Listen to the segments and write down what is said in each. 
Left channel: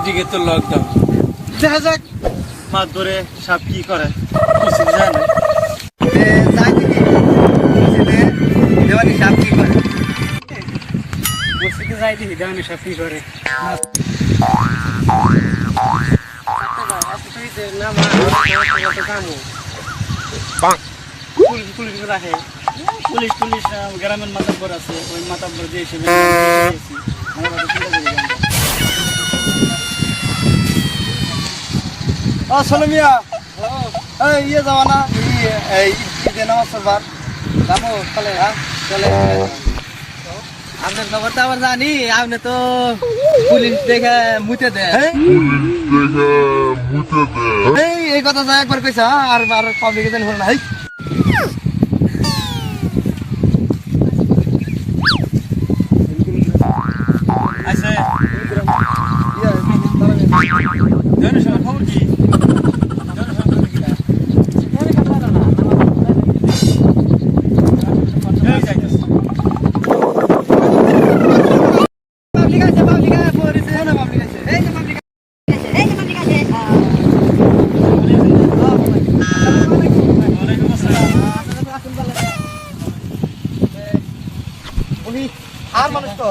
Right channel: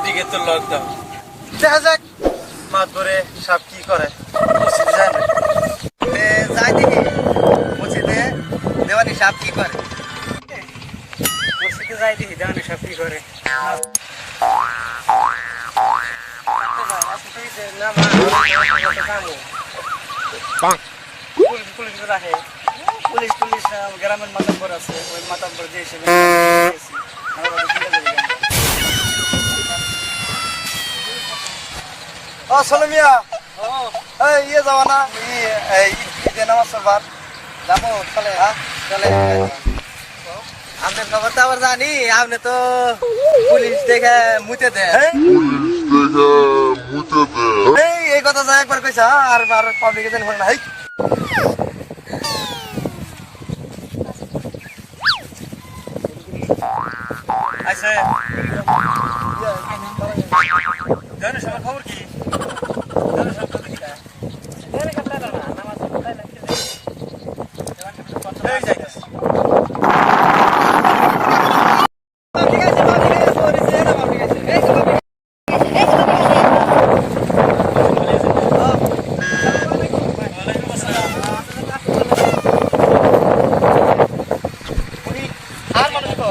ওইদিকে তো লকডাউন। দেখা যাক মাছ ধরে সাপ কি করে মসজিদে যায় না। যাই দেখি মসজিদে দেওয়ানি সাপ কি করে। মসজিদে যাই দেখি দেওয়ানি সাপ কি করে। পুলিশ গ্রামের মাতাব্বর আছে, ওই মাতাব্বর যে হিসেবে ও সোলে মিয়া এই ইয়ে যাওয়া না এই ঈদে নামাজ পড়বার যাবো চলে। হ্যাঁ চলে। আপনার খবর তো আবার জানি, আপনি তো পুলিশ দেখে মুতে দেয়। এই কথা যা একবার কইছা আর পাবলিকে জানি না। আচ্ছা খবর কি? আর মানুষ তো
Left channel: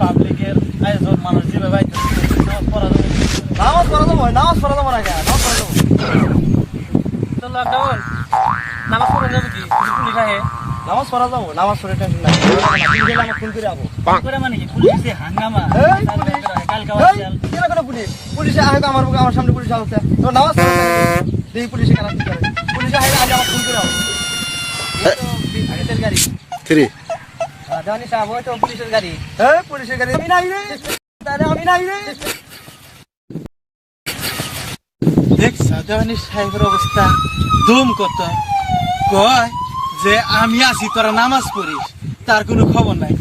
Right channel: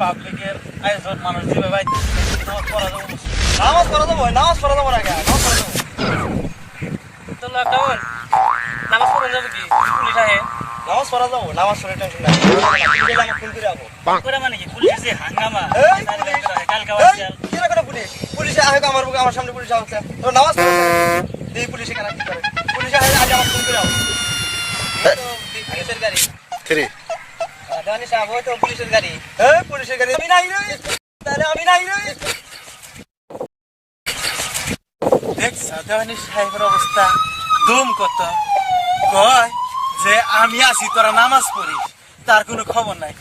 পাবলিকের আয়োজন মানুষ যেভাবে নামাজ পড়া যাবো না তো লকডাউন নামাজ পড়া যাবে কি? পুলিশ আহে নামাজ পড়া যাবো, নামাজ পড়ে টেনশন নাই। ফোন করে যাবো করে মানে কি পুলিশ যে হাঙ্গামা কালকা পুলিশে আহে আমার সামনে পুলিশ আসছে তো নামাজ পড়া দেখি পুলিশে কেন কি করে। পুলিশে আগে আমার ফোন করে যাবো গাড়ি জানি সাহেব ওই তো পুলিশের গাড়ি। পুলিশের গাড়ি আমি নাই রে, আমি নাই রে। দেখছ দেওয়ানি সাহেবের অবস্থা দুম কত কয় যে আমি আছি তোরা নামাজ পড়িস, তার কোনো খবর নাই।